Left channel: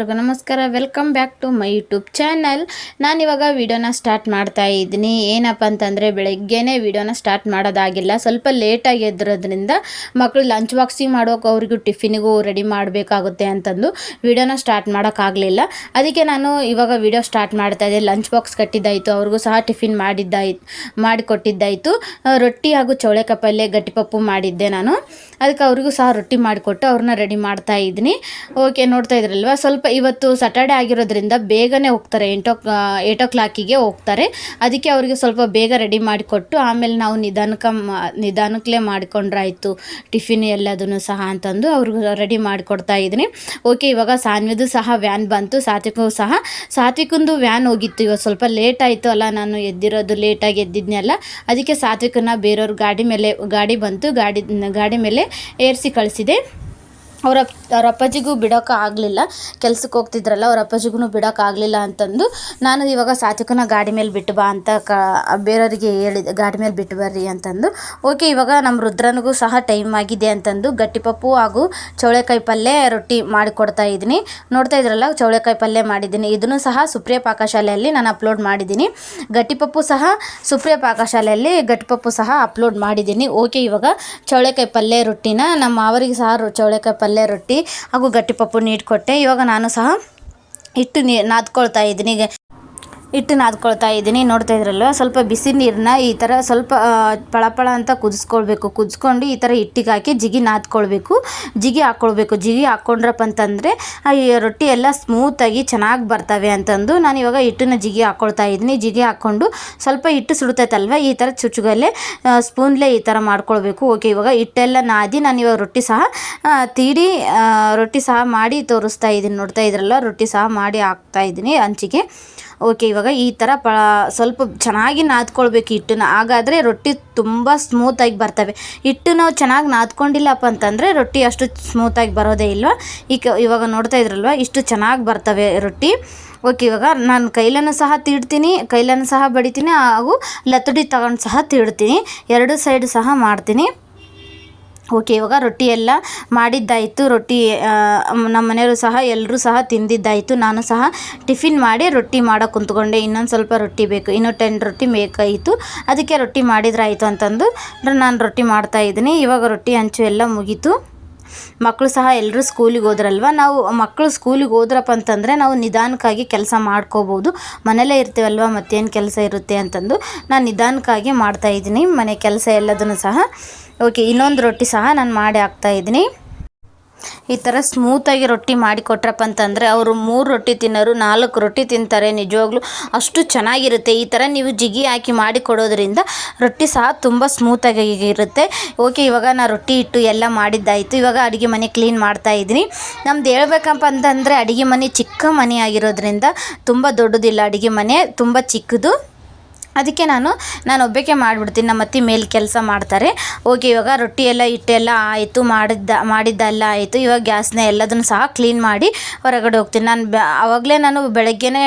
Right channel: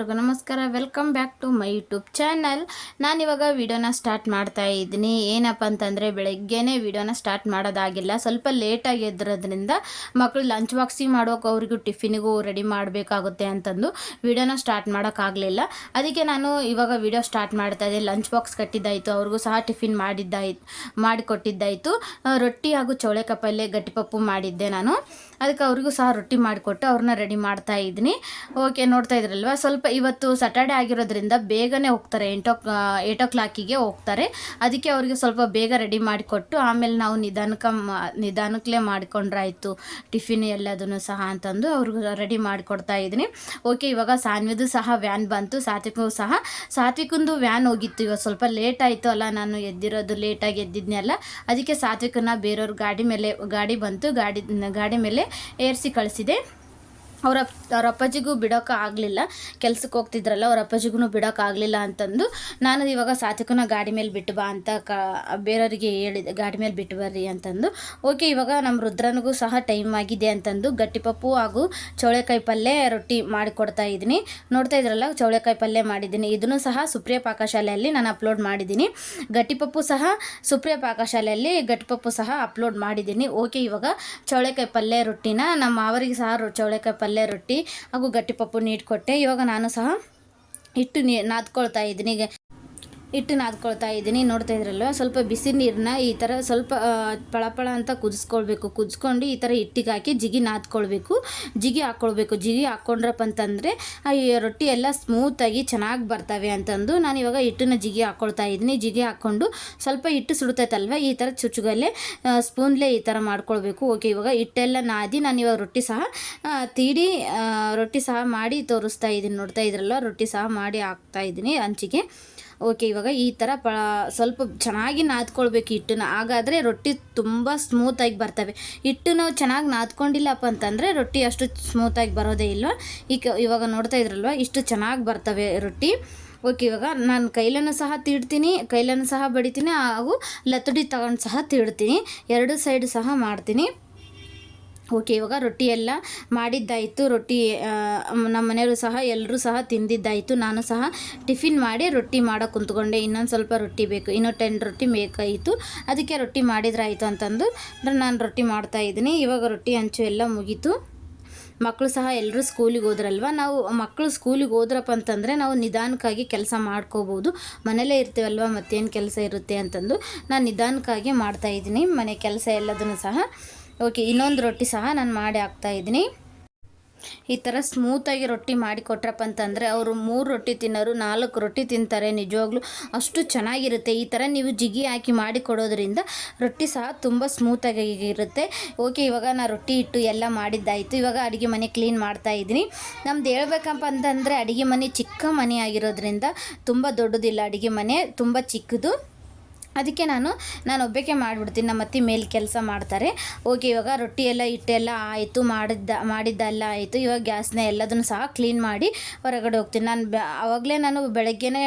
ಎಲ್ರಿಗೂ ನಮಸ್ಕಾರ. Welcome back to my YouTube channel. ನಾನಿವಾಗ ವಿಡಿಯೋನ ಸ್ಟಾರ್ಟ್ ಮಾಡ್ತಾ ಇದ್ದೀನಿ. ಏನಪ್ಪ ಅಂತಂದರೆ ಬೆಳಗ್ಗೆನೇ ವಿಡಿಯೋನ ಸ್ಟಾರ್ಟ್ ಮಾಡೋದಾಗಿಲ್ಲ, ಸ್ವಲ್ಪ ಲೇಟಾಗಿ ಎದ್ದಿರೋದ್ರಿಂದ ಮಕ್ಕಳು ಲಂಚ್ ಬಾಕ್ಸಿಗೆ ಮಾಡೋಕೆ ಅವ್ರಿಗೂ ಟಿಫಿನಿಗೂ ರೆಡಿ ಮಾಡಬೇಕಾಗುತ್ತೆ ಅಂತಂದು ವಿಡಿಯೋನ ಸ್ಟಾರ್ಟ್ ಮಾಡೋಕ್ಕಾಗಲಿಲ್ಲ. ಅದಕ್ಕೆ ನಾನು ಇವಾಗ ವಿಡಿಯೋ ಸ್ಟಾರ್ಟ್ ಮಾಡ್ತಾ ಇದ್ದೆ. ಲಂಚ್ ಬಾಕ್ಸ್ ಕಟ್ಟಿದ್ದಾಯಿತು, ಅವ್ರಿಗೂ ಸಹ ಟಿಫಿನ್ ಮಾಡಿಕೊಟ್ಟಿದ್ದಾಯಿತು. ರೊಟ್ಟಿ ಹಾಗೂ ಚೌಳೆಕಾಯಿ ಪಲ್ಯ ಗಟ್ಟಿಪಪ್ಪು ಮಾಡಿದ್ದೆ ನಾನು. ಅದಕ್ಕೆ ಅವ್ರಿಗೂ ಸಹ ರೊಟ್ಟಿ ಮಾಡಿಕೊಟ್ಟು ಅವ್ರನ್ನ ರೆಡಿ ಮಾಡ್ತಾ ಇದ್ದೀನಿ. ಓಕೆ, ನೋಡ್ತಾ ಇದ್ರಲ್ವ, ಸ್ವಲ್ಪ ಇವತ್ತು ಸ್ಯಾಟರ್ಡೆ ಆಗಿರೋದ್ರಿಂದ ಬೇಗನೆ ಹೋಗ್ತಾರೆ, 8 o'clock ಹೋಗ್ತಾರೆ. ಅದಕ್ಕೆ ಅವರಿಗೆ ಸ್ವಲ್ಪ ಬೇಗ ರೆಡಿ ಮಾಡಿಕೊಟ್ಟು ಆಮೇಲೆ ನಾವು ನಿಧಾನಕ್ಕೇ ಮಾಡಿಕೊಂಡ್ರಾಯ್ತು ಟಿಫಿನ್ ಎಲ್ಲದನ್ನು ಸಹ ಅಂತಂದು ಅವ್ರಿಗೂ ರೆಡಿ ಮಾಡಿಕೊಡ್ತಾ ಇದ್ದೀನಿ. ಓಕೆ, ಇವಾಗ ಸಾನ್ವಿದು ಸಹ ವ್ಯಾನ್ ಬಂತು, ಸಾತ್ವಿಕಂದು ವ್ಯಾನ್ ಹೋಗಿತ್ತು. ಇವತ್ತು ಸ್ವಲ್ಪ ಲೇಟ್ ಆಯಿತು ಅಲ್ಲ, ನಾನು ಎದ್ದಿರೋದು ಲೇಟಾಗಿ ಎದ್ದಿದ್ನಲ್ಲ, ಅದಕ್ಕೆ ಸಾತ್ವಿಕನ ಬೇರೆಯವ್ರ ಗಾಡಿ ಬಂತು, ಗಾಡಿ ಮೇಲೆ ಏರಿಸಿ ಕಳಿಸಿದೆ. ಅವ್ರ ಅಪ್ಪಾಜಿಗೂ ಬಿಡೋಕೆ ಆಗಲಿಲ್ಲ, ಕೆಲ್ಸಕ್ಕೆ ಹೋಗ್ತಿದ್ರಲ್ಲ, ಅವ್ರ ಅಪ್ಪಾಜಿಗೂ ಬಿಡೋಕ್ಕಾಗಲಿಲ್ಲ ಅಂತಂದು ನಾನು ಇವಾಗ ಸಾತ್ವಿಕನ ಗಾಡಿ ಮೇಲೆ ಬಿಟ್ಟು ಬಾ ಅಂತ ಬೇರೆಯವರಿಗೆ ಹೇಳಿದೆ, ಗಾಡಿ ಮೇಲೆ ಬಿಟ್ಟು ಬರ್ರಿ ಅಂತಂದು. ಓಕೆ, ಇವಾಗ ನಮ್ಮ ರುದ್ರನಿಗೂ ಸಹ ಟೈಮ್ ಆಗಿದೆ ಅಂತಂದು ಗಟ್ಟಿಪಪ್ಪು ಹಾಗೂ ಚೌಳೆಕಾಯಿ ಪಲ್ಯ ರೊಟ್ಟಿ ಮಾಡಿಕೊಡ್ತಾ ಇದ್ದೀನಿ. ನೋಡ್ತಾ ಇದ್ರಲ್ಲ, ಚೌಳೆಕಾಯಿ ಪಲ್ಯ ಮಾಡಿದ್ದೀನಿ. ಇದನ್ನು ಸಹ ಸುಪ್ರಿಯ ಪಾಕಶಾಲೆಯಲ್ಲಿ ನಾನು ಅಪ್ಲೋಡ್ ಮಾಡಿದ್ದೀನಿ. ಗಟ್ಟಿಪಪ್ಪು ಸಹ ಸುಪ್ರಿಯ ಪಾಕಶಾಲೆಯಲ್ಲಿ ಗಟ್ಟಿಪಪ್ಪು ಸಹ ಅಪ್ಲೋಡ್ ಮಾಡಿದ್ದೀನಿ. ಓಕೆ, ಇವಾಗ ಚೌಳೆಕಾಯಿ ಪಲ್ಯ ರೊಟ್ಟಿನ ನಮ್ಮ ಮಾವರಿಗೆ ಸಹ ಚೌಳೆಕಾಯಿ ಪಲ್ಯ ರೊಟ್ಟಿ ಹಾಗೂ ಗಟ್ಟಿಪಪ್ಪು ನೀಡಿಕೊಟ್ಟೆ. ಇವಾಗ ನಾನು ಸಹ ಹಿಟ್ಟು ನಾದ್ಕೊಳ್ತಾ ಇದ್ದೀನಿ. ನೋಡ್ತಾ ಇದ್ರಲ್ವ, ಸ್ವಲ್ಪ ಬಿಸಿ ನೀರನ್ನ ಈ ಥರ ಸ್ವಲ್ಪ ಪಳಪಳ ಅಂತ ಕುದಿಸ್ಕೊಂಡು ಈ ಥರ ಹಿಟ್ಟಿಗೆ ಹಾಕಿ ಜಿಗಿ ಹಾಕ್ಕೊಳ್ಬೇಕು. ಜಿಗಿ ಹಾಕ್ಕೊಂಡ್ರಪ್ಪ ಅಂತಂದರೆ ಈ ರೊಟ್ಟಿ ಎಲ್ಲ ಸ್ಮೂತಾಗಿ ಚೆನ್ನಾಗಿ ಬರ್ತವೆ ಅಂತಂದು ನಾನು ಇವಾಗ ಹಿಟ್ಟನ್ನ ಜಿಗಿ ಹಾಕ್ಕೊಳ್ತಾ ಇದ್ದೀನಿ. ಜಿಗಿ ಹಾಕ್ಕೊಂಡು ಸ್ವಲ್ಪ ಹಿಟ್ಟು ಸುಡ್ತೈತಲ್ವ, ಈ ಥರ ಚುಚ್ಚುಗಲ್ಲೇ ಸ್ಪೂನ್ಲೇ ಈ ಥರ ಮಾಡ್ಕೊಳ್ಬೇಕು. ಓಕೆ, ಇವಾಗ ಹಿಟ್ಟೆಲ್ಲ ನಾದಿ ನಾನು ಇವಾಗ ರೊಟ್ಟಿ ಸಹ ಮಾಡಿ ತೋರಿಸ್ತಾ ಇದ್ದೀನಿ. ನೋಡ್ತಾ ಇದ್ರಲ್ಲ, ರೊಟ್ಟಿ ಸಹ ಮಾಡಿ ಹಾಕ್ತಾ ಇದ್ದೀನಿ ಹಂಚಿಗೆ. ಓಕೆ, ಇವಾಗ ಈ ಥರ ಸ್ವಲ್ಪ ಚೆನ್ನಾಗಿ ನಾದ್ಕೊಳ್ಬೇಕು ಹಿಟ್ಟನ್ನ, ಹಾಗಾದರೆ ರೊಟ್ಟಿ ತುಂಬ ಸ್ಮೂತಾಗಿ ಬರ್ತವೆ. ಹಿಟ್ಟು ನಾವು ಚೆನ್ನಾಗಿ ನಾದ್ಕೊಂಡಿಲ್ಲಪ್ಪ ಅಂತಂದರೆ ರೊಟ್ಟಿ ಅಷ್ಟು ಸ್ಮೂತಾಗಿ ಬರೋದೇ ಇಲ್ಲ. ಇವಾಗ ನೋಡ್ತಾ ಇದ್ರಲ್ವ, ಇಷ್ಟು ಚೆನ್ನಾಗಿ ಬರ್ತವೆ ರೊಟ್ಟಿ. ಓಕೆ, ಇವಾಗ ನಾನು ಕೈಲನ್ನು ಸಹ ಬಡಿತೀನಿ ಹಾಗೂ ಲತುಡಿ ತಗೊಂಡು ಸಹ ತೀಡ್ತೀನಿ, ಎರಡು ಸೈಡ್ ಸಹ ಮಾಡ್ತೀನಿ. ಓಕೆ, ಇವಾಗ ರೊಟ್ಟಿ ಎಲ್ಲ ಮಾಡಿದ್ದಾಯಿತು. ರೊಟ್ಟಿ ನಮ್ಮ ಮನೆಯವರು ಸಹ ಎಲ್ಲರೂ ಸಹ ತಿಂದಿದ್ದಾಯಿತು. ನಾನು ಸಹ ಟಿಫಿನ್ ಮಾಡಿ ರೊಟ್ಟಿ ಮಾಡೋಕೆ ಕುಂತ್ಕೊಂಡೆ. ಇನ್ನೊಂದು ಸ್ವಲ್ಪ ರೊಟ್ಟಿ ಬೇಕು, ಇನ್ನೂ 10 ರೊಟ್ಟಿ ಬೇಕಿತ್ತು. ಅದಕ್ಕೆ ರೊಟ್ಟಿ ಮಾಡಿದ್ರಾಯಿತು ಅಂತಂದು ನಾನು ರೊಟ್ಟಿ ಮಾಡ್ತಾಯಿದ್ದೀನಿ. ಇವಾಗ ರೊಟ್ಟಿ ಹಂಚು ಎಲ್ಲ ಮುಗೀತು. ಮಕ್ಕಳು ಸಹ ಎಲ್ಲರೂ ಸ್ಕೂಲಿಗೆ ಹೋದ್ರಲ್ವ. ಮಕ್ಕಳು ಸ್ಕೂಲಿಗೆ ಹೋದ್ರಪ್ಪ ಅಂತಂದರೆ ನಾವು ನಿಧಾನಕ್ಕಾಗಿ ಕೆಲಸ ಮಾಡ್ಕೋಬೋದು. ಮನೇಲೇ ಇರ್ತೀವಲ್ವ, ಮತ್ತೇನು ಕೆಲಸ ಇರುತ್ತೆ ಅಂತಂದು ನಾನು ನಿಧಾನಕ್ಕಾಗಿ ಮಾಡ್ತಾಯಿದ್ದೀನಿ ಮನೆ ಕೆಲಸ ಎಲ್ಲದನ್ನು ಸಹ. ಓಕೆ, ಇನ್ನೊಂದು ರೊಟ್ಟಿ ಸಹ ನಾನು ಮಾಡಿ ಹಾಕ್ತಾಯಿದ್ದೀನಿ. ಈ ಥರ ಸ್ಮೂತಾಗಿ ರೊಟ್ಟಿ ಮಾಡಿಕೊಟ್ರಪ್ಪ ಅಂತಂದರೆ ಅವರು 3 ರೊಟ್ಟಿ ತಿನ್ನೋರು 4 ರೊಟ್ಟಿ ತಿಂತಾರೆ. ನಿಜವಾಗ್ಲೂ ಅಷ್ಟು ಚೆನ್ನಾಗಿರುತ್ತೆ. ಈ ಥರ ನೀವು ಜಿಗಿ ಹಾಕಿ ಮಾಡಿ ಕೊಡೋದ್ರಿಂದ ರೊಟ್ಟಿ ಸಹ ತುಂಬ ಸ್ಮೂತಾಗಿ ಇರುತ್ತೆ. ಓಕೆ, ಇವಾಗ ನಾನು ರೊಟ್ಟಿ ಇಟ್ಟು ಎಲ್ಲ ಮಾಡಿದ್ದಾಯಿತು. ಇವಾಗ ಅಡುಗೆ ಮನೆ ಕ್ಲೀನ್ ಮಾಡ್ತಾಯಿದ್ದೀನಿ. ನಮ್ದು ಹೇಳ್ಬೇಕಪ್ಪ ಅಂತಂದರೆ ಅಡುಗೆ ಮನೆ ಚಿಕ್ಕ ಮನೆ ಆಗಿರೋದ್ರಿಂದ ತುಂಬ ದೊಡ್ಡದಿಲ್ಲ, ಅಡುಗೆ ಮನೆ ತುಂಬ ಚಿಕ್ಕದು. ಅದಕ್ಕೆ ನಾನು ಒಬ್ಬಕ್ಕೆ ಮಾಡಿಬಿಡ್ತೀನಿ, ನಮ್ಮ ಅತ್ತೆ ಮೇಲೆ ಕೆಲಸ ಮಾಡ್ತಾರೆ. ಓಕೆ, ಇವಾಗ ರೊಟ್ಟಿ ಎಲ್ಲ ಹಿಟ್ಟೆಲ್ಲ ಆಯಿತು, ಮಾಡಿದ್ದೆಲ್ಲ ಆಯಿತು. ಇವಾಗ ಗ್ಯಾಸ್ನ ಎಲ್ಲದನ್ನು ಸಹ ಕ್ಲೀನ್ ಮಾಡಿ ಹೊರಗಡೆ ಹೋಗ್ತೀನಿ. ಆವಾಗಲೇ ನಾನು ಬೆಳಗ್ಗೆನೇ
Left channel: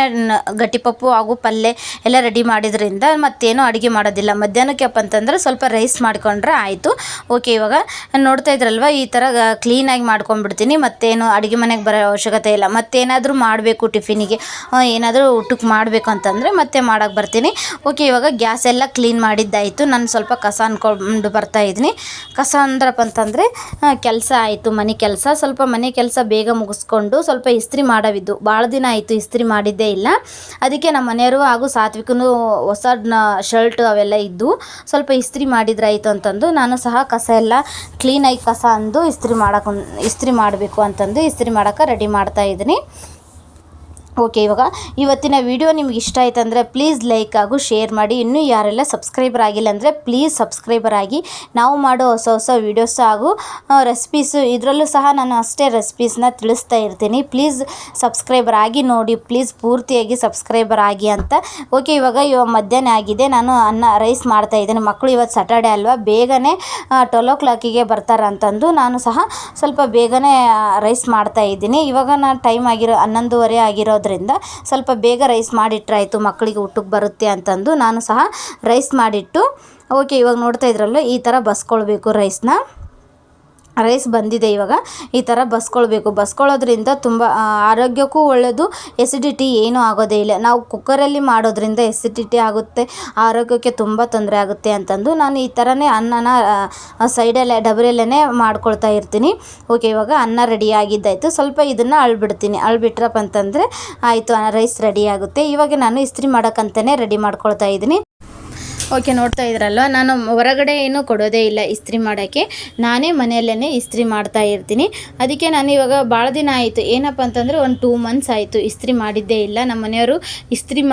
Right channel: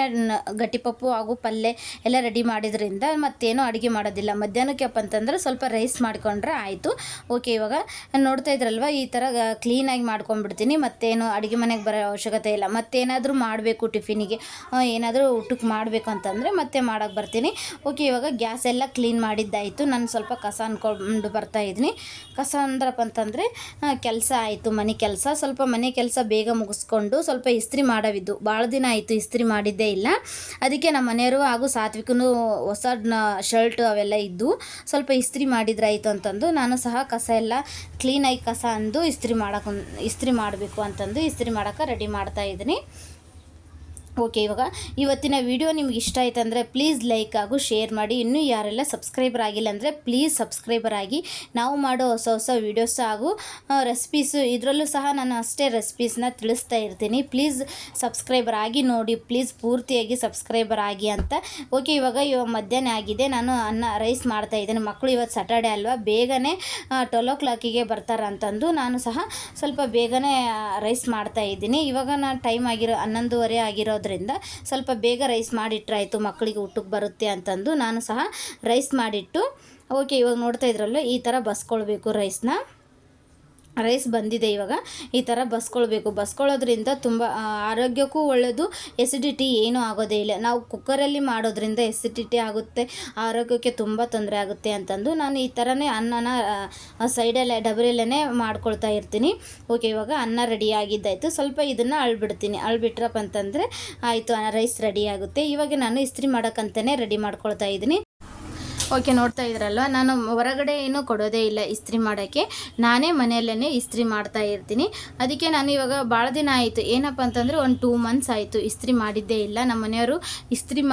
ಗಟ್ಟಿಪಪ್ಪು ಹಾಗೂ ಪಲ್ಯ ಎಲ್ಲ ರೆಡಿ ಮಾಡಿದ್ರಿಂದ ಮತ್ತೇನು ಅಡುಗೆ ಮಾಡೋದಿಲ್ಲ. ಮಧ್ಯಾಹ್ನಕ್ಕೆಪ್ಪ ಅಂತಂದರೆ ಸ್ವಲ್ಪ ರೈಸ್ ಮಾಡಿಕೊಂಡ್ರೆ ಆಯಿತು. ಓಕೆ, ಇವಾಗ ನೋಡ್ತಾ ಇದ್ರಲ್ವ, ಈ ಥರ ಕ್ಲೀನಾಗಿ ಮಾಡ್ಕೊಂಡ್ಬಿಡ್ತೀನಿ. ಮತ್ತೇನು ಅಡುಗೆ ಮನೆಗೆ ಬರೋ ಅವಶ್ಯಕತೆ ಇಲ್ಲ. ಮತ್ತೇನಾದರೂ ಮಾಡಬೇಕು, ಟಿಫಿನಿಗೆ ಏನಾದರೂ ಊಟಕ್ಕೆ ಮಾಡಬೇಕು ಅಂತಂದರೆ ಮತ್ತೆ ಮಾಡೋಕ್ಕೆ ಬರ್ತೀನಿ. ಓಕೆ, ಇವಾಗ ಗ್ಯಾಸ್ ಎಲ್ಲ ಕ್ಲೀನ್ ಮಾಡಿದ್ದಾಯಿತು. ನಾನು ಸ್ವಲ್ಪ ಕಸ ಅಂದ್ಕೊಂಡು ಬರ್ತಾಯಿದ್ದೀನಿ. ಕಸ ಅಂದ್ರಪ್ಪ ಅಂತಂದರೆ ಕೆಲಸ ಆಯಿತು, ಮನೆ ಕೆಲಸ. ಸ್ವಲ್ಪ ಮನೆ ಕೆಲಸ ಬೇಗ ಮುಗಿಸ್ಕೊಂಡು ಸ್ವಲ್ಪ ಇಸ್ತ್ರಿ ಮಾಡೋವಿದ್ದು, ಭಾಳ ದಿನ ಆಯಿತು ಇಸ್ತ್ರಿ ಮಾಡಿದ್ದೇ ಇಲ್ಲ. ಅದಕ್ಕೆ ನಮ್ಮ ಮನೆಯವರು ಹಾಗೂ ಸಾತ್ವಿಕನು ಹೊಸ ಶರ್ಟ್ ಅವೆಲ್ಲ ಇದ್ದು ಸ್ವಲ್ಪ ಇಸ್ತ್ರಿ ಮಾಡಿದ್ರಾಯಿತು ಅಂತಂದು ನಾನು ಸಹ ಕಸ ಎಲ್ಲ ಕ್ಲೀನಾಗಿ ಕಸ ಅಂದು ಇಸ್ತ್ರಿ ಮಾಡಬೇಕು ಅಂತಂದು ಇಸ್ತ್ರಿ ಮಾಡೋಕ್ಕೆ ರೆಡಿ ಮಾಡ್ತಾಯಿದ್ದೀನಿ. ಓಕೆ, ಇವಾಗ ಇವತ್ತಿನ ವಿಡಿಯೋ ನಿಮ್ಗೆ ಇಷ್ಟ ಆಯ್ತು ಅಂದರೆ ಪ್ಲೀಸ್ ಲೈಕ್ ಹಾಗೂ ಶೇರ್ ಮಾಡಿ. ಇನ್ನೂ ಯಾರೆಲ್ಲ ಸಬ್ಸ್ಕ್ರೈಬರ್ ಆಗಿಲ್ಲ ಅಂದರೆ ಪ್ಲೀಸ್ ಸಬ್ಸ್ಕ್ರೈಬರ್ ಆಗಿ. ನಾವು ಮಾಡೋ ಹೊಸ ರೆಸಿಪೀಸ್ ಹಾಗೂ ಇದರಲ್ಲೂ ಸಹ ನಾನು ಅಷ್ಟೇ ರೆಸಿಪೀಸ್ನ ತಿಳಿಸ್ತಾ ಇರ್ತೀನಿ. ಪ್ಲೀಸ್ ಸಬ್ಸ್ಕ್ರೈಬರ್ ಆಗಿ ನೋಡಿ, ಪ್ಲೀಸ್ ಪೂರ್ತಿಯಾಗಿ ಸಬ್ಸ್ಕ್ರೈಬರ್ ಆಗಿ ಅಂತ. ಓಕೆ, ಇವಾಗ ಮಧ್ಯಾಹ್ನ ಆಗಿದೆ. ನಾನು ರೈಸ್ ಮಾಡ್ತಾಯಿದ್ದೀನಿ. ಮಕ್ಕಳು ಇವತ್ತು ಸ್ಯಾಟರ್ಡೆ ಅಲ್ವಾ, ಬೇಗನೆ 12 o'clock ಬರ್ತಾರೆ ಅಂತಂದು ನಾನು ಸಹ ಸ್ವಲ್ಪ ಬೇಗನೆ ರೈಸ್ ಮಾಡ್ತಾಯಿದ್ದೀನಿ. ಇವಾಗ ನಾನು ಟೈಮ್ 11:30 ಆಗಿರೋದ್ರಿಂದ ಸ್ವಲ್ಪ ಬೇಗ ರೈಸ್ ಮಾಡಿಟ್ರಾಯಿತು, ಮಕ್ಕಳಿಗೆ ಊಟಕ್ಕೆ ಬರುತ್ತೆ ಅಂತಂದು ನಾನು ಸಹ ರೈಸ್ ಮಾಡಿಟ್ಟು. ಓಕೆ, ಇವಾಗ ನೋಡ್ತಾ ಇದ್ರಲ್ಲ, ಈ ಥರ ಬಸ್ಕೊಳ್ಬೇಕು ರೈಸ್ನ. ರೈಸ್ ಬಂದಿದೆ. ಇವಾಗ ಈ ಥರ ಬಸ್ಕೊಳ್ಳೋದ್ರಿಂದ ತುಂಬ ಆರೋಗ್ಯಕ್ಕೂ ಒಳ್ಳೆಯದು, ಎಸಿಡಿಟಿ ಏನೂ ಆಗೋದೇ ಇಲ್ಲ. ನಾವು ಕುಕ್ಕರಲ್ಲಿ ಮಾಡೋದ್ರಿಂದ ಎಸಿಡಿಟಿ ಆಗುತ್ತೆ, ಆರೋಗ್ಯಕ್ಕೆ ತುಂಬ ತೊಂದರೆ ಆಗುತ್ತೆ ಅಂತಂದು ನಾನು ಈ ಥರನೇ ಅನ್ನನ ಸೈಡಲ್ಲೇ ಡಬರಲ್ಲೇ ಮಾಡ್ಕೊಳ್ತಾ ಇರ್ತೀನಿ. ಓಕೆ, ಇವಾಗ ಅನ್ನ ರೆಡಿ ಆಗಿದ್ದಾಯಿತು. ಸ್ವಲ್ಪ ಇದನ್ನು ಅಳ್ಬಿಟ್ರಪ್ಪ ಅಂತಂದರೆ ಆಯಿತು, ರೈಸ್ ರೆಡಿ ಆಗುತ್ತೆ. ಇವಾಗ ನಾನು ಇಸ್ತ್ರಿ ಮಾಡೋಕ್ಕಂತಲೇ ರೆಡಿ ಮಾಡ್ಕೊಳ್ತಾ ಇದ್ದೀನಿ. ಓಕೆ, ನೋಡ್ತಾ ಇದ್ರಲ್ವ, ನಾನು ಹೊರಗಡೆ ಏನೂ ಕೊಡೋದೇ ಇಲ್ಲ ಇಸ್ತ್ರಿ ಮಾಡೋಕ್ಕೆ, ನಾನೇ ಮನೆಯಲ್ಲೇ ಇಸ್ತ್ರಿ ಮಾಡ್ತಾ ಇರ್ತೀನಿ. ಅದಕ್ಕೆ ನಾನು ಇವಾಗ ಭಾಳ ದಿನ ಆಯಿತು, ಏನಪ್ಪ ಅಂತಂದರೆ ಒಂದು 2 ಮಂತ್ಸ್ ಆಯಿತು ಇಸ್ತ್ರಿ ಮಾಡಿದ್ದೇ ಇಲ್ಲ. ನಮ್ಮ ಮನೆಯವರು ಇಸ್ತ್ರಿ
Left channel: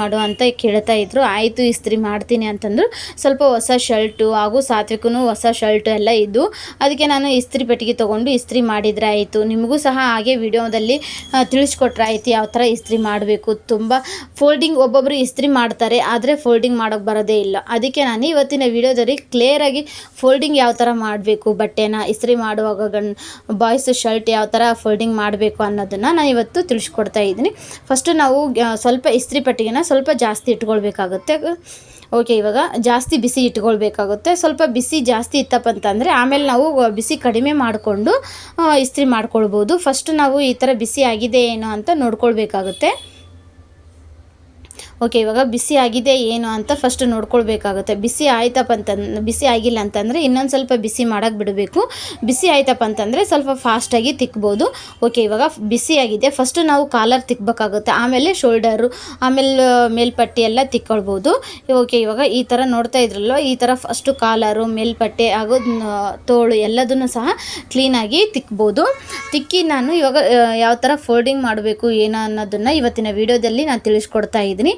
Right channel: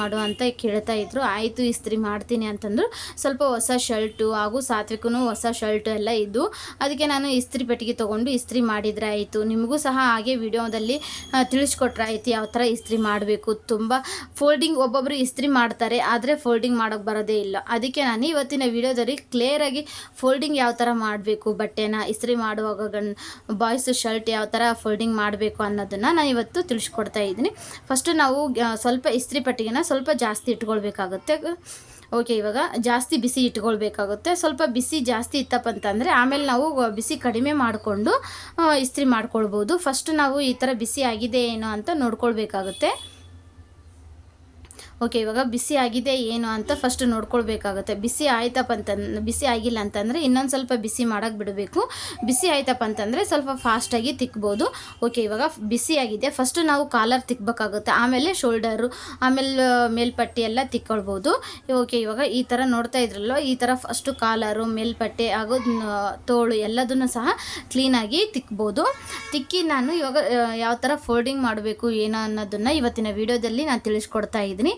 ಮಾಡು ಅಂತ ಕೇಳ್ತಾ ಇದ್ರು. ಆಯಿತು ಇಸ್ತ್ರಿ ಮಾಡ್ತೀನಿ ಅಂತಂದರು. ಸ್ವಲ್ಪ ಹೊಸ ಶರ್ಟು ಹಾಗೂ ಸಾತ್ವಿಕೂ ಹೊಸ ಶರ್ಟು ಎಲ್ಲ ಇದ್ದು, ಅದಕ್ಕೆ ನಾನು ಇಸ್ತ್ರಿ ಪೆಟ್ಟಿಗೆ ತೊಗೊಂಡು ಇಸ್ತ್ರಿ ಮಾಡಿದರೆ ಆಯಿತು. ನಿಮಗೂ ಸಹ ಹಾಗೆ ವಿಡಿಯೋದಲ್ಲಿ ತಿಳಿಸ್ಕೊಟ್ರೆ ಆಯಿತು ಯಾವ ಥರ ಇಸ್ತ್ರಿ ಮಾಡಬೇಕು. ತುಂಬ ಫೋಲ್ಡಿಂಗ್ ಒಬ್ಬೊಬ್ಬರು ಇಸ್ತ್ರಿ ಮಾಡ್ತಾರೆ, ಆದರೆ ಫೋಲ್ಡಿಂಗ್ ಮಾಡೋಕ್ಕೆ ಬರೋದೇ ಇಲ್ಲ. ಅದಕ್ಕೆ ನಾನು ಇವತ್ತಿನ ವಿಡಿಯೋದಲ್ಲಿ ಕ್ಲಿಯರಾಗಿ ಫೋಲ್ಡಿಂಗ್ ಯಾವ ಥರ ಮಾಡಬೇಕು, ಬಟ್ಟೆನ ಇಸ್ತ್ರಿ ಮಾಡುವಾಗ ಬಾಯ್ಸ್ ಶರ್ಟ್ ಯಾವ ಥರ ಫೋಲ್ಡಿಂಗ್ ಮಾಡಬೇಕು ಅನ್ನೋದನ್ನು ನಾನು ಇವತ್ತು ತಿಳಿಸ್ಕೊಡ್ತಾ ಇದ್ದೀನಿ. ಫಸ್ಟು ನಾವು ಸ್ವಲ್ಪ ಇಸ್ತ್ರಿ ಪೆಟ್ಟಿಗೆನ ಸ್ವಲ್ಪ ಜಾಸ್ತಿ ಇಟ್ಕೊಳ್ಬೇಕಾಗುತ್ತೆ. ಓಕೆ, ಇವಾಗ ಜಾಸ್ತಿ ಬಿಸಿ ಇಟ್ಕೊಳ್ಬೇಕಾಗುತ್ತೆ. ಸ್ವಲ್ಪ ಬಿಸಿ ಜಾಸ್ತಿ ಇತ್ತಪ್ಪ ಅಂತಂದರೆ ಆಮೇಲೆ ನಾವು ಬಿಸಿ ಕಡಿಮೆ ಮಾಡಿಕೊಂಡು ಇಸ್ತ್ರಿ ಮಾಡ್ಕೊಳ್ಬೋದು. ಫಸ್ಟ್ ನಾವು ಈ ಥರ ಬಿಸಿ ಆಗಿದೆ ಏನೋ ಅಂತ ನೋಡ್ಕೊಳ್ಬೇಕಾಗುತ್ತೆ. ಓಕೆ, ಇವಾಗ ಬಿಸಿ ಆಗಿದೆ ಏನು ಅಂತ ಫಸ್ಟ್ ನೋಡ್ಕೊಳ್ಬೇಕಾಗುತ್ತೆ. ಬಿಸಿ ಆಗಿಲ್ಲ ಅಂತಂದರೆ ಇನ್ನೊಂದು ಸ್ವಲ್ಪ ಬಿಸಿ ಮಾಡೋಕ್ಕೆ ಬಿಡಬೇಕು. ಬಿಸಿ ಆಯ್ತಪ್ಪ ಅಂತಂದರೆ ಸ್ವಲ್ಪ ಫಾಸ್ಟಾಗಿ ತಿಕ್ಬೋದು. ಓಕೆ, ಇವಾಗ ಬಿಸಿ ಆಗಿದೆ. ಫಸ್ಟು ನಾವು ಕಾಲರ್ ತಿಕ್ಕಬೇಕಾಗುತ್ತೆ, ಆಮೇಲೆ ಶೋಲ್ಡರು, ಆಮೇಲೆ ಮೇಲ್ಪಟ್ಟಿ ಎಲ್ಲ ತಿಕ್ಕೊಳ್ಬೋದು. ಓಕೆ, ಇವಾಗ ಈ ಥರ ನೋಡ್ತಾ ಇದ್ರಲ್ವ, ಈ ಥರ ಫಸ್ಟು ಕಾಲರು, ಮೇಲ್ಪಟ್ಟೆ ಹಾಗೂ ತೋಳು ಎಲ್ಲದನ್ನು ಸಹ ಕ್ಲೀನಾಗಿ ತಿಕ್ಬೋದು. ತಿಕ್ಕಿ ನಾನು ಇವಾಗ ಯಾವ ಥರ ಫೋಲ್ಡಿಂಗ್ ಮಾಡಬೇಕು ಏನೋ ಅನ್ನೋದನ್ನು ಇವತ್ತಿನ ವಿಡಿಯೋದಲ್ಲಿ ನಾನು ತಿಳಿಸ್ಕೊಡ್ತಾ ಇದ್ದೀನಿ.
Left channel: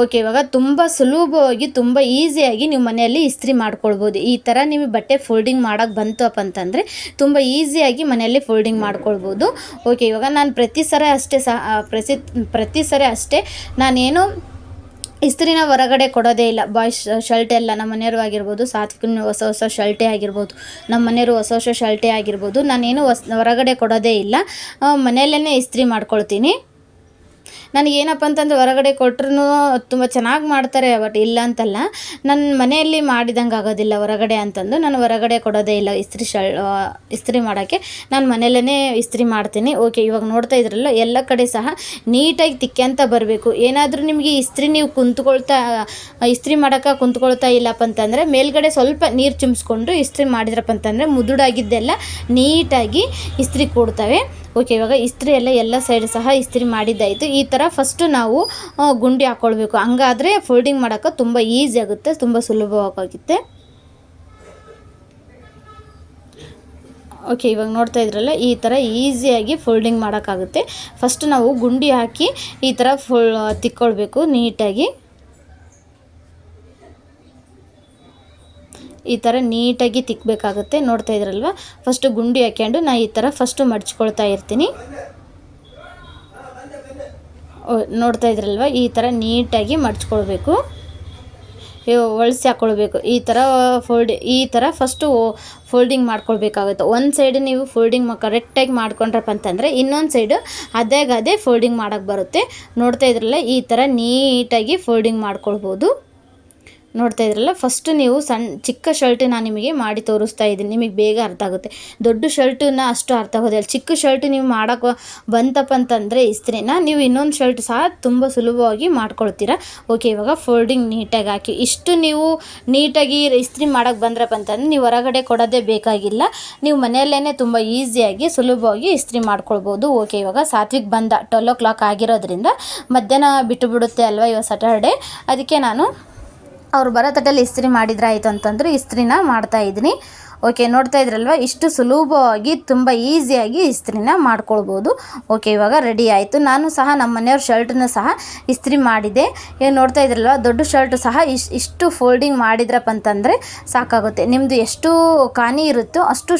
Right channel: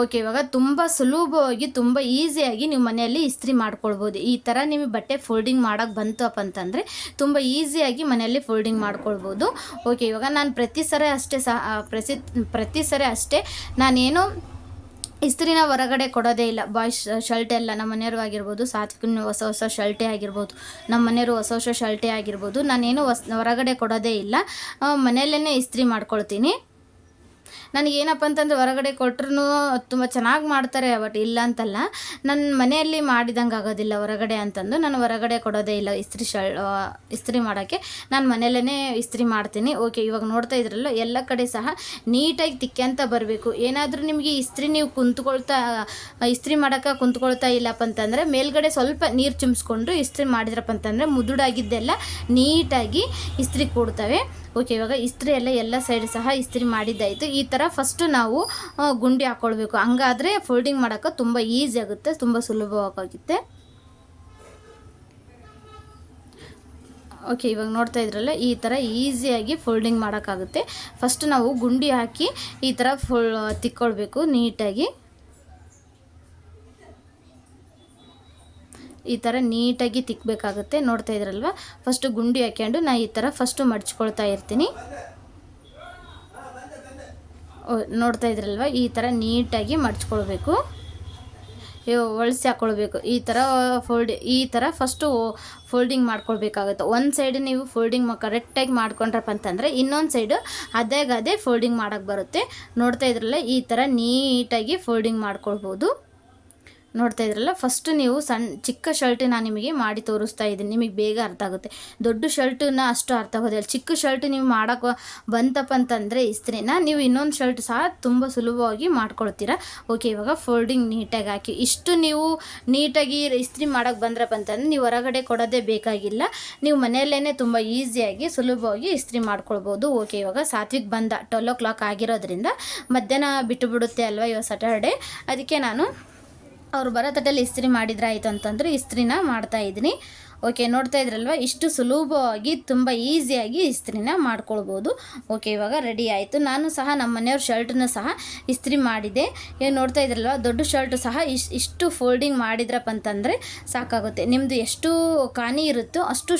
ಓಕೆ, ಇವಾಗ ತುಂಬ ಸುಲಭವಾಗಿ ತುಂಬ ಈಸಿಯಾಗಿ ನೀವು ಮನೆಯಲ್ಲಿ ಇಸ್ತ್ರಿ ಮಾಡ್ಕೊಳ್ಬೋದು. ಈ ಥರ ನಿಮಗೆ ಬಟ್ಟೆ ಫೋಲ್ಡಿಂಗ್ ಮಾಡೋಕ್ಕೆ ಬಂತಪ್ಪ ಅಂತಂದರೆ ತುಂಬ ಈಸಿಯಾಗಿ ಮನೆಯಲ್ಲಿ ಫೋಲ್ಡಿಂಗ್ ಮಾಡ್ಕೊಳ್ಬೋದು. ಓಕೆ, ಇವಾಗ ನಾನು ಪ್ರತಿ ಸರಿ ಅಷ್ಟೇ ನಾನೇನು ಇಸ್ತ್ರಿನ ಹೊರಗಡೆ ಕೊಡೋದೇ ಇಲ್ಲ. ಬಾಯ್ಸ್ ಶರ್ಟ್ ಎಲ್ಲ ನಮ್ಮ ಮನೆಯವರು ಆಗಿರ್ಬೋದು, ಸಾತ್ವಿಕನ ಹೊಸ ಶರ್ಟೇ ಆಗಿರ್ಬೋದು, ನಮ್ಮ ಮನೆಯವರು ಹೊಸ ಶರ್ಟೇ ಆಗಿರ್ಬೋದು, ನಾನೇನು ಹೊರಗಡೆ ಕೊಡೋದೇ ಇಲ್ಲ, ಮನೆಯಲ್ಲೇ ಇಸ್ತ್ರಿ ಮಾಡ್ಕೊಳ್ತೀನಿ. ನನಗೇನಪ್ಪ ಅಂತಂದರೆ ಹೊರಗಡೆ ಕೊಟ್ಟರು ತುಂಬ ಚೆನ್ನಾಗಿ ಮಾಡ್ತಾರೆ, ಬಟ್ ಇಲ್ಲ ಅಂತಲ್ಲ, ನನ್ನ ಮನೆಯಲ್ಲಿ ಮಾಡಿದಂಗೆ ಆಗೋದಿಲ್ಲ ಹೊರಗಡೆ ಅಂತಂದು ನಾನು ಹೊರಗಡೆ ಕೊಡೋದೇ ಇಲ್ಲ. ಇಸ್ತ್ರಿ ಮಾಡೋಕ್ಕೆ ನಾನು ಮನೆಯಲ್ಲೇ ಇಸ್ತ್ರಿ ಮಾಡ್ತೀನಿ. ಓಕೆ, ಇವಾಗ ನೋಡ್ತಾ ಇದ್ರಲ್ಲ, ಎಲ್ಲ ಕಡೆ ಸಹ ನೀಟಾಗಿ ತಿಕ್ಕೊಂತ ಬರಬೇಕು. ಏನಾದರೂ ನಿಮಗೆ ನೀವು ಇಸ್ತ್ರಿ ಮಾಡೋಕ್ಕೆ ಕುಂತ್ಕೊಳ್ತಾ ಇಲ್ಲಪ್ಪ ಅಂತಂದರೆ ಮೇಲ್ಗಡೆ ಸ್ವಲ್ಪ ನೀರು ಚಿಮ್ಸ್ಕೊಂಡು ಇಸ್ತ್ರಿ ಮಾಡಿದ್ರಪ್ಪ ಅಂತಂದರೆ ಮುದುಡಾಗಿದ್ದೆಲ್ಲ ನೀಟಾಗಿ ಇಸ್ತ್ರಿ ಕೊಡ್ತವೆ. ಓಕೆ, ಇವಾಗ ಇಸ್ತ್ರಿ ಎಲ್ಲ ಸೈಡ್ ಸಹ ಇಸ್ತ್ರಿ ಮಾಡಿದ್ದಾಯಿತು. ಈ ಥರ ಫಸ್ಟು ನಾವು ಗುಂಡಿ ಹಾಕ್ಕೊಳ್ಬೇಕು, ಹಂಗಾದರೆ ಫೋಲ್ಡಿಂಗ್ ಮಾಡೋಕ್ಕೆ ತುಂಬ ಈಸಿ ಆಗುತ್ತೆ, ತುಂಬ ಸುಲಭವಾಗುತ್ತೆ. ಓಕೆ, ಇವಾಗ ನೋಡ್ತಾ ಇದ್ರಲ್ಲ, ಈ ಥರ ಈಸಿಯಾಗಿ ಫೋಲ್ಡಿಂಗ್ ಮಾಡೋಕ್ಕಾಗುತ್ತೆ. ಫಸ್ಟ್ ನಾವು ಗುಂಡಿ ಹಾಕಿ ಈ ಥರ ತಿಕ್ಕೊಳ್ಬೇಕು ನೀಟಾಗಿ. ಈ ಥರ ನೀಟಾಗಿ ತಿಕ್ಕಬೇಕಾಗುತ್ತೆ. ನೋಡ್ತಾ ಇದ್ರಲ್ವ, ಫಸ್ಟು ಗುಂಡಿ ಹಾಕ್ಕೊಂಡು ನಾನು ಈ ಥರ ಫಸ್ಟು ಮಡ್ಚ್ಕೊಳ್ತಾ ಇರ್ತೀನಿ. ನೋಡ್ತಾ ಇದ್ರಲ್ವ, ಈ ಥರ ನೀಟಾಗಿ ಮಡ್ಚ್ಕೊಳ್ಬೇಕು, ಒಳಸಿ ಹಾಕ್ಕೊಳ್ಬೇಕು. ಈ ಥರ ಫಸ್ಟು ಫೋಲ್ಡಿಂಗ್ ಮಾಡ್ಕೊಳ್ಬೇಕಾಗುತ್ತೆ. ಒಂದು ಸೈಡ್ ನೀವು ಫೋಲ್ಡಿಂಗ್ ಕರೆಕ್ಟಾಗಿ ಮಾಡ್ಕೊಂಡ್ರಪ್ಪ ಅಂತಂದರೆ ಇನ್ನೊಂದು ಸೈಡು ಅದೇ ಫೋಲ್ಡಿಂಗ್ ಮಾಡೋಕ್ಕೆ ಬರುತ್ತೆ. ನೋಡ್ತಾ ಇದ್ರಲ್ಲ, ಈ ಥರ ನೀಟಾಗಿ ಫೋಲ್ಡಿಂಗ್ ಮಾಡ್ಕೊಳ್ಬೋದು. ನೋಡ್ತಾ ಇದ್ರಲ್ಲ, ಫಸ್ಟು ನೀವು ಚಿಕ್ಕ ಶರ್ಟ್ ನಾನು ನಿಮಗೆ ಮಾಡಿ ತೋರಿಸ್ತಾ ಇದ್ದೀನಿ, ನಿಮಗೆ ಬೇಗ ಅರ್ಥ ಆಗುತ್ತೆ. ದೊಡ್ಡ ಶರ್ಟನ್ನ ಅಷ್ಟು ಅರ್ಥ ಆಗೋದಿಲ್ಲ. ಚಿಕ್ಕ ಶರ್ಟ್ ನೀವು ಮಾಡೋಕ್ಕೆ ಬಂತಪ್ಪ ಅಂತಂದರೆ ಇಸ್ತ್ರಿನ ನೀವು ಇನ್ನೊಂದು ಶರ್ಟ್ ಸಹ ತುಂಬ ಸುಲಭವಾಗಿ ಮಾಡ್ಕೊಳ್ತೀರಾ. ಓಕೆ, ಇವಾಗ ಫೋಲ್ಡಿಂಗ್ ನೀಟಾಗಿ ಹಾಕಿ ಇಷ್ಟು ನೀವು ನೀಟಾಗಿ ಇಸ್ತ್ರಿ ಮಾಡೋಕ್ಕೆ ಬಂದ್ರಪ್ಪ ಅಂತಂದರೆ ನೀವು ಹೊರಗಡೆ ಕೊಡೋದೇ ಬೇಕಾಗಿಲ್ಲ, ನೀವು ಮನೆಯಲ್ಲೇ ತುಂಬ ಈಸಿಯಾಗಿ ಸುಲಭವಾಗಿ ಇಸ್ತ್ರಿ ಮಾಡ್ಕೊಳ್ಬೋದು. ಓಕೆ, ಇವಾಗ ಸಾತ್ವಿಕ್ ಬಂದ 12 o'clock ಆಗಿರೋದ್ರಿಂದ ಮಧ್ಯಾಹ್ನ ಬಿಟ್ಟುಬಿಡುತ್ತೆ ಅಲ್ವಾ, ಇವಾಗ ಸ್ಯಾಟರ್ಡೆ, ಅದಕ್ಕೆ ನಾನು ಅವ್ರು ಬರೋ ತಟ್ಟಲ್ಲಿ ಇಸ್ತ್ರಿ ಮಾಡಿದ್ರೆ ಆಯಿತು ಅಂತಂದ್ರೆ ಇಸ್ತ್ರಿನ ಮಾಡ್ತಾಯಿದ್ದೀನಿ. ಓಕೆ, ನೋಡ್ತಾ ಇದ್ರಲ್ವ, ಇಷ್ಟು ಸುಲಭವಾಗಿ ತುಂಬ ಈಸಿಯಾಗಿ ಇಸ್ತ್ರಿನ ಮಾಡ್ಕೊಳ್ಬೋದು. ಓಕೆ, ಇವಾಗ ರೆಡಿ ಆಯಿತು. ನಾನು ಸಹ ನಮ್ಮ ಮನೆಯವ್ರ ಶರ್ಟನ್ನು ಸಹ ಇಸ್ತ್ರಿ ಮಾಡಿದೆ. ನೋಡ್ತಾ ಇದ್ರಲ್ವ, ದೊಡ್ಡ ಶರ್ಟು ಸಹ ಇಷ್ಟು ಫೋಲ್ಡಿಂಗ್ ಮಾಡಿದ್ರಪ್ಪ ಅಂತಂದರೆ ಸಾಕಾಗುತ್ತೆ. ನಿಮ್ಮದು ಎಷ್ಟು ಕಾನಿ ಇರುತ್ತೋ ಅಷ್ಟು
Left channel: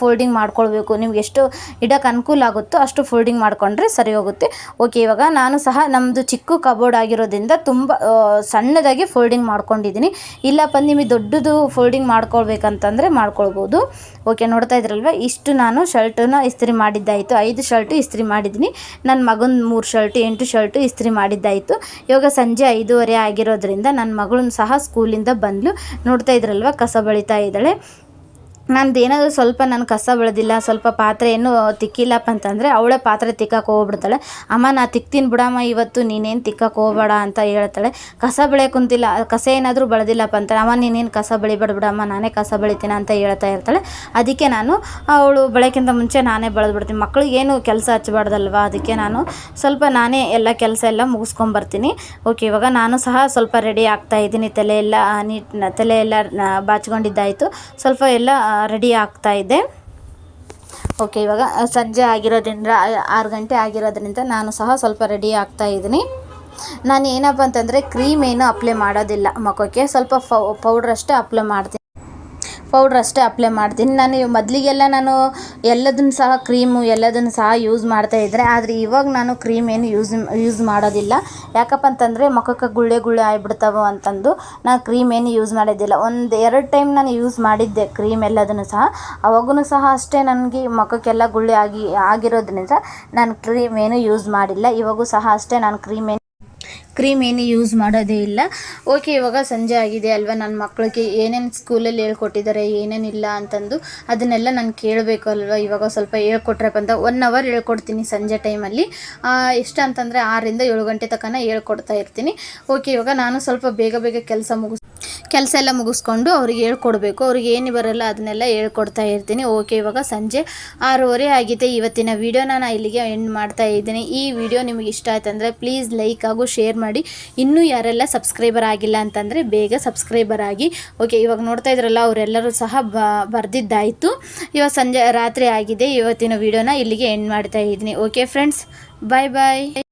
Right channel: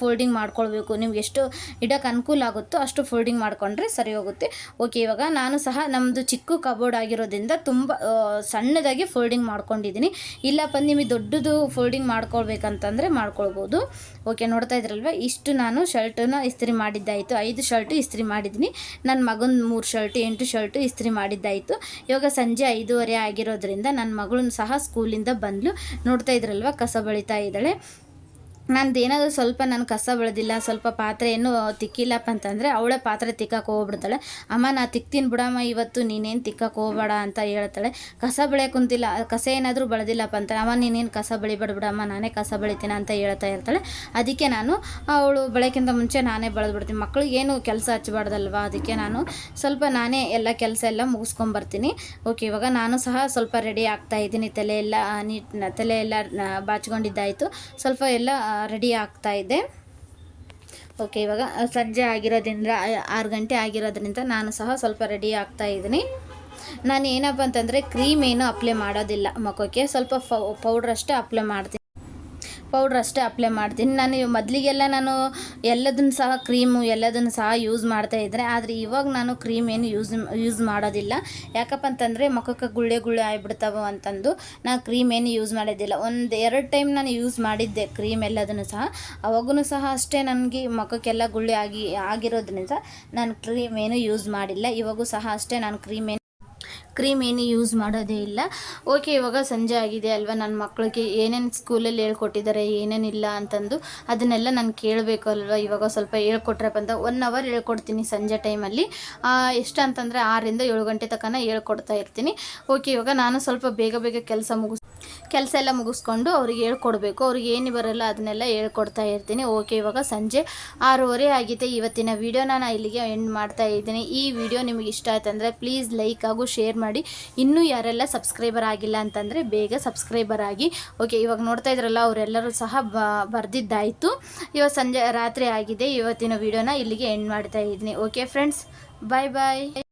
ಫೋಲ್ಡಿಂಗ್ ಮಾಡ್ಕೊಳ್ಬೇಕು. ನಿಮ್ಗೆ ಎಷ್ಟು ಇಡೋಕ್ಕೆ ಅನುಕೂಲ ಆಗುತ್ತೋ ಅಷ್ಟು ಫೋಲ್ಡಿಂಗ್ ಮಾಡಿಕೊಂಡ್ರೆ ಸರಿ ಹೋಗುತ್ತೆ. ಓಕೆ, ಇವಾಗ ನಾನು ಸಹ ನಮ್ಮದು ಚಿಕ್ಕ ಕಬೋರ್ಡ್ ಆಗಿರೋದ್ರಿಂದ ತುಂಬ ಸಣ್ಣದಾಗಿ ಫೋಲ್ಡಿಂಗ್ ಮಾಡ್ಕೊಂಡಿದ್ದೀನಿ. ಇಲ್ಲಪ್ಪ ನಿಮಗೆ ದೊಡ್ಡದು ಫೋಲ್ಡಿಂಗ್ ಮಾಡ್ಕೊಳ್ಬೇಕಂತಂದರೆ ಮಾಡ್ಕೊಳ್ಬೋದು. ಓಕೆ, ನೋಡ್ತಾ ಇದ್ರಲ್ವ, ಇಷ್ಟು ನಾನು ಶರ್ಟನ್ನ ಇಸ್ತ್ರಿ ಮಾಡಿದ್ದಾಯಿತು. 5 ಶರ್ಟು ಇಸ್ತ್ರಿ ಮಾಡಿದ್ದೀನಿ. ನನ್ನ ಮಗನ 3 ಶರ್ಟು 8 ಶರ್ಟು ಇಸ್ತ್ರಿ ಮಾಡಿದ್ದಾಯಿತು. ಇವಾಗ ಸಂಜೆ 5:30 ಆಗಿರೋದ್ರಿಂದ ನನ್ನ ಮಗಳನ್ನ ಸಹ ಸ್ಕೂಲಿಂದ ಬಂದಳು. ನೋಡ್ತಾ ಇದ್ರಲ್ವ, ಕಸ ಬಳಿತಾ ಇದ್ದಾಳೆ. ನಂದು ಏನಾದರೂ ಸ್ವಲ್ಪ ನಾನು ಕಸ ಬೆಳೆದಿಲ್ಲ, ಸ್ವಲ್ಪ ಪಾತ್ರೆ ಏನೂ ತಿಕ್ಕಿಲ್ಲಪ್ಪ ಅಂತಂದರೆ ಅವಳೇ ಪಾತ್ರೆ ತಿಕ್ಕಕ್ಕೆ ಹೋಗ್ಬಿಡ್ತಾಳೆ. ಅಮ್ಮ ನಾ ತಿಕ್ತೀನಿ ಬಿಡಮ್ಮ ಇವತ್ತು, ನೀನೇನು ತಿಕ್ಕಕ್ಕೆ ಹೋಗಬೇಡ ಅಂತ ಹೇಳ್ತಾಳೆ. ಕಸ ಬೆಳೆಯೋಕೆ ಕುಂತಿಲ್ಲ, ಕಸ ಏನಾದರೂ ಬೆಳೆದಿಲ್ಲಪ್ಪ ಅಂತಾಳೆ. ಅಮ್ಮ ನೀನೇನು ಕಸ ಬೆಳಿಬೇಡ ಬಿಡಮ್ಮ, ನಾನೇ ಕಸ ಬೆಳಿತೀನಿ ಅಂತ ಹೇಳ್ತಾ ಇರ್ತಾಳೆ. ಅದಕ್ಕೆ ನಾನು ಅವಳು ಬೆಳಕ್ಕಿಂತ ಮುಂಚೆ ನಾನೇ ಬೆಳೆದ್ಬಿಡ್ತೀನಿ. ಮಕ್ಳಿಗೇನು ಕೆಲಸ ಹಚ್ಚಬಾರ್ದಲ್ವ, ಅದಕ್ಕೆ ನಾನು ಸ್ವಲ್ಪ ನಾನೇ ಎಲ್ಲ ಕೆಲಸ ಎಲ್ಲ ಮುಗಿಸ್ಕೊಂಬರ್ತೀನಿ. ಓಕೆ, ಇವಾಗ ನಾನು ಸಹ ಸ್ವಲ್ಪ ರೆಡಿ ಆಗ್ತಾಯಿದ್ದೀನಿ. ತಲೆ ಎಲ್ಲ ಬಾಚ್ಕೊಂಡಿದ್ದಾಯಿತು, ಸ್ವಲ್ಪ ಎಲ್ಲ ರೆಡಿ ಆಗ್ತಾಯಿದ್ದೆ. ಓಕೆ, ಇವಾಗ ಸಂಜೆ ಆಗಿರೋದ್ರಿಂದ 6 ಗಂಟೆ ಆಗಿರೋದ್ರಿಂದ ನಾನು ಸಹ ಸ್ವಲ್ಪ ರೆಡಿ ಆಗ್ತಾಯಿದ್ದೀನಿ. ನಾನು ಏನಪ್ಪ ಅಂತಂದರೆ ಕ್ರೀಮ್ ಏನು ಅಪ್ಲೈ ಮಾಡೋದಿಲ್ಲ ಮುಖಕ್ಕೆ, ಸ್ವಲ್ಪ ಪೌಡ್ರಷ್ಟೇ ಅಪ್ಲೈ ಮಾಡ್ತೀನಿ. ನಾನು ಮೊದಲಿಗೆಲ್ಲ ನಾನು ಎಲ್ಲದನ್ನು ಸಹ ಕ್ರೀಮು ಎಲ್ಲದನ್ನು ಸಹ ಯೂಸ್ ಮಾಡ್ತಾಯಿದ್ದೆ. ಆದರೆ ಇವಾಗ ನಾನು ಕ್ರೀಮ್ ಏನು ಯೂಸ್ ಮಾಡೋದಿಲ್ಲ. ಯಾಕಪ್ಪ ಅಂತಂದರೆ ಮುಖಕ್ಕೆ ಗುಳ್ಳೆ ಆಗಿಬಿಡ್ತಾವೆ ಅಂತಂದು ನಾನು ಕ್ರೀಮ್ ಏನು ಯೂಸ್ ಮಾಡೋದಿಲ್ಲ. 1-2 ಟೈಮ್ ನಾನು ಯೂಸ್ ಮಾಡಿದ್ದೆ ಕ್ರೀಮ್ ಎಲ್ಲದನ್ನು ಸಹ. ಅವಾಗೂ ಸಹ ಅಷ್ಟೇ ನನಗೆ ಮುಖಕ್ಕೆಲ್ಲ ಗುಳ್ಳೆ ಆಗಿರೋದ್ರಿಂದ ನಾನು ಕ್ರೀಮ್ ಏನು ಯೂಸ್ ಮಾಡಿಲ್ಲ. ಇವಾಗೂ ಸಹ ಅಷ್ಟೇ ನಾನು ಕ್ರೀಮ್ ಏನು ಯೂಸ್ ಮಾಡೋದೇ ಇಲ್ಲ. ಓಕೆ, ಇವಾಗ ಸಂಜೆ ಆಗಿದೆ ಅಲ್ವಾ, ನನ್ನ ಮಕ್ಕಳಿಗೆ ಏನೇನು ಸ್ಕೂಲಲ್ಲಿ ಹೇಳ್ಕೊಟ್ಟಿದ್ದಾರೆ ಏನೇನಿಲ್ಲ ಅಂತಂದು ಅದನ್ನೆಲ್ಲ ನಾನು ಕೇಳಬೇಕು ಅಲ್ವಾ. ಇವಾಗ ಸ್ವಲ್ಪ ಹೇಳ್ಕೊಟ್ರಪ್ಪ ಅಂತ 1 ಅವರ್ ಹೇಳ್ಕೊಡ್ತೀನಿ ಸಂಜೆ ಟೈಮಲ್ಲಿ. ಎಷ್ಟು ಅಂತಂದರೆ 6ರಿಂದ 7 ಗಂಟೆ ತನಕ ಹೇಳ್ಕೊಡ್ತಾ ಇರ್ತೀನಿ. ಓಕೆ, ಇವಾಗ ನಾನು ಸ್ವಲ್ಪ ಬೇಗ ಕೆಲಸ ಎಲ್ಲ ಮುಗಿಸ್ಕೊಂಡು ಅವ್ರಿಗೆ ಹೇಳ್ಕೊಡ್ಬೇಕು. ಅವ್ರಿಗೆ ಏನು ಬರೋಲ್ಲ ಅದನ್ನೆಲ್ಲ ಹೇಳ್ಕೊಡ್ತಾ ಇರ್ತೀನಿ. ಓಕೆ, ಇವಾಗ ಸಂಜೆ 6:30 ಆಗಿದೆ. ಇವತ್ತಿನ ವೀಡಿಯೋನ ನಾನು ಇಲ್ಲಿಗೆ ಎಂಡ್ ಮಾಡ್ತಾ ಇದ್ದೀನಿ. ಈ ವಿಡಿಯೋ ನಿಮಗೆ ಇಷ್ಟ ಆಯ್ತು ಅಂದರೆ ಪ್ಲೀಸ್ ಲೈಕ್ ಹಾಗೂ ಶೇರ್ ಮಾಡಿ. ಇನ್ನೂ ಯಾರೆಲ್ಲ ಸಬ್ಸ್ಕ್ರೈಬರ್ ಆಗಿಲ್ಲ ಅಂತಂದರೆ ಬೇಗ ಸಬ್ಸ್ಕ್ರೈಬರ್ ಆಗಿ. ಓಕೆ, ಇವಾಗ ನೋಡ್ತಾ ಇದ್ರಲ್ಲ ಅವರೆಲ್ಲರೂ ಸಹ ಬರೆದಿದ್ದಾಯಿತು. ಇವಾಗ ರಾತ್ರಿ ಆಗಿದೆ. ಇವತ್ತಿನ ವೀಡಿಯೋನ ಇಲ್ಲಿಗೆ ಎಂಡ್ ಮಾಡ್ತಾ ಇದ್ದೀನಿ. ಓಕೆ ಫ್ರೆಂಡ್ಸ್, ಬಾಯ್.